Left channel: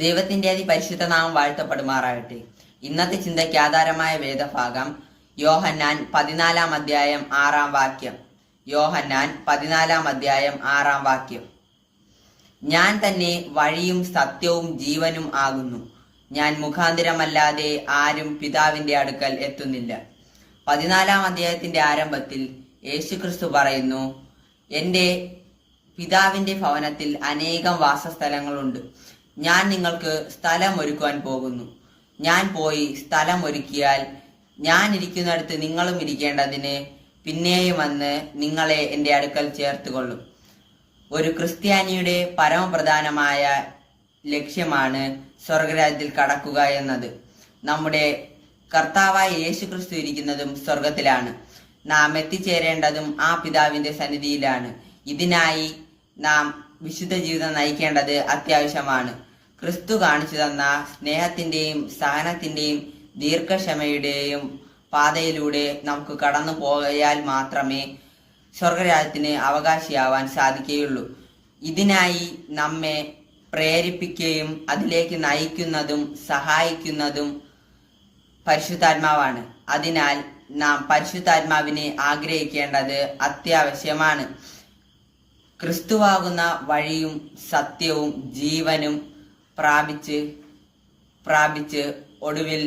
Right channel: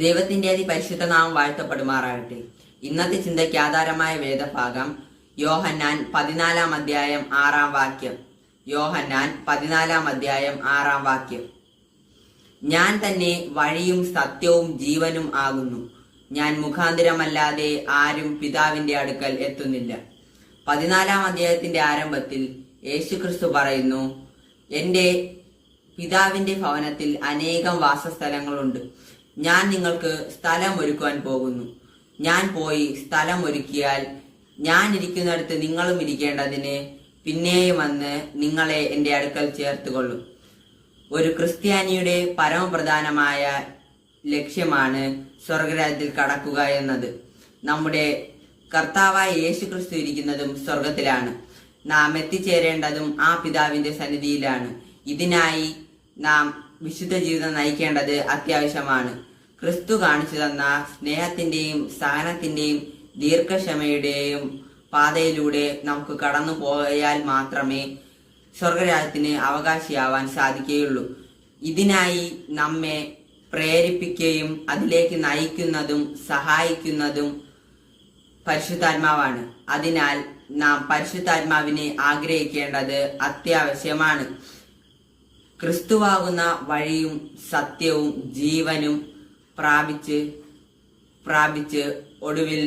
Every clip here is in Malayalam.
ദൈവത്തിന്റെ അതിപരിശുദ്ധ നാമം വാഴ്ത്തപ്പെടുമാറാകട്ടെ. ഇന്നത്തെ ചിന്തയ്ക്ക് ആധാരമായ വേദഭാഗം യോഹന്നാൻ 14 അധ്യായം 6 വാക്യം. യോഹന്നാൻ 14 അധ്യായം 6 വാക്യം. ഞാൻ തന്നെ വഴിയും സത്യവും ജീവനും ആകുന്നു. ഞാൻ മുഖാന്തരമല്ലാതെ ആരും പിതാവിന്റെ അടുക്കൽ എത്തുന്നില്ല. 14 അധ്യായത്തിന്റെ ആരംഭത്തിൽ യേശുക്രിസ്തു പറയുന്നു, എന്റെ പിതാവിന്റെ ഭവനത്തിൽ അനേകം വാസസ്ഥലങ്ങളുണ്ട്. ഞാൻ നിങ്ങൾക്ക് സ്ഥലം ഒരുക്കുവാൻ പോകുന്നു. ഞാൻ പോയി സ്ഥലം ഒരുക്കിയാൽ ഞാൻ ഇരിക്കുന്നിടത്ത് നിങ്ങളും ഇരിക്കേണ്ടതിന് പിന്നെയും വന്ന് നിങ്ങളെ എൻ്റെ അടുക്കൽ ചേർത്തുകൊള്ളും. ഒരു ക്രിസ്ത്യാനിയുടെ പരമപ്രധാനമായ ലക്ഷ്യമാണ് സ്വർഗരാജ്യത്തിൽ കടക്കുക എന്നത്. നമ്മുടെ കർത്താവായ യേശുക്രിസ്തു ഇരിക്കുന്നതും സ്വർഗത്തിലാണ്. നാം എത്തിച്ചേരേണ്ടതും ആ പിതാവിന്റെ സന്നിധിയിലാണ്. ഇതിനായി നാം വിശുദ്ധ ജീവിതം നയിക്കേണ്ടത് അത്യാവശ്യമാണ്. ക്രിസ്തു കാണിച്ചു തന്ന സ്നേഹത്തിന്റെയും സഹനത്തിന്റെയും ദീർഘക്ഷമയുടെയും പാതയിലൂടെ നമുക്ക് കടന്നു പോയാൽ മാത്രമേ സ്വർഗരാജ്യത്തിന് അവകാശിയാവാൻ സാധിക്കുകയുള്ളൂ. ഇതിനായി നമ്മെ പ്രേരിപ്പിക്കുകയും അതിലേക്ക് നയിക്കുന്നതും സഹായിക്കുന്നതും പരിശുദ്ധാത്മാവാണ്. അതിനാൽ നാം പരിശുദ്ധാത്മാവിനെ ആഗ്രഹിക്കേണ്ടത് അത്യാവശ്യമാണ്. ക്രിസ്തുവാകുന്ന വഴിയും സത്യവും ജീവനും പ്രാപിച്ച് ഒടുവിൽ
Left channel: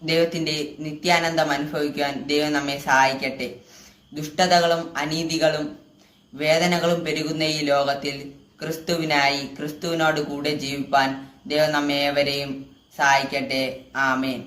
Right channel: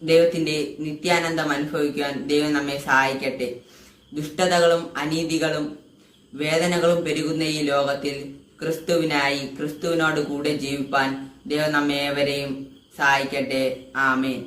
ദൈവത്തിന്റെ നിത്യാനന്ദം അനുഭവിക്കുവാൻ ദൈവം നമ്മെ സഹായിക്കട്ടെ. ദുഷ്ടതകളും അനീതികളും വേദനകളും പെരുകുന്ന ഈ ലോകത്തിൽ ക്രിസ്തുവിനോട് കൂടെ ജീവിപ്പാൻ ദൈവം നമ്മെ ഏവരെയും സഹായിക്കട്ടെ. ആമേൻ.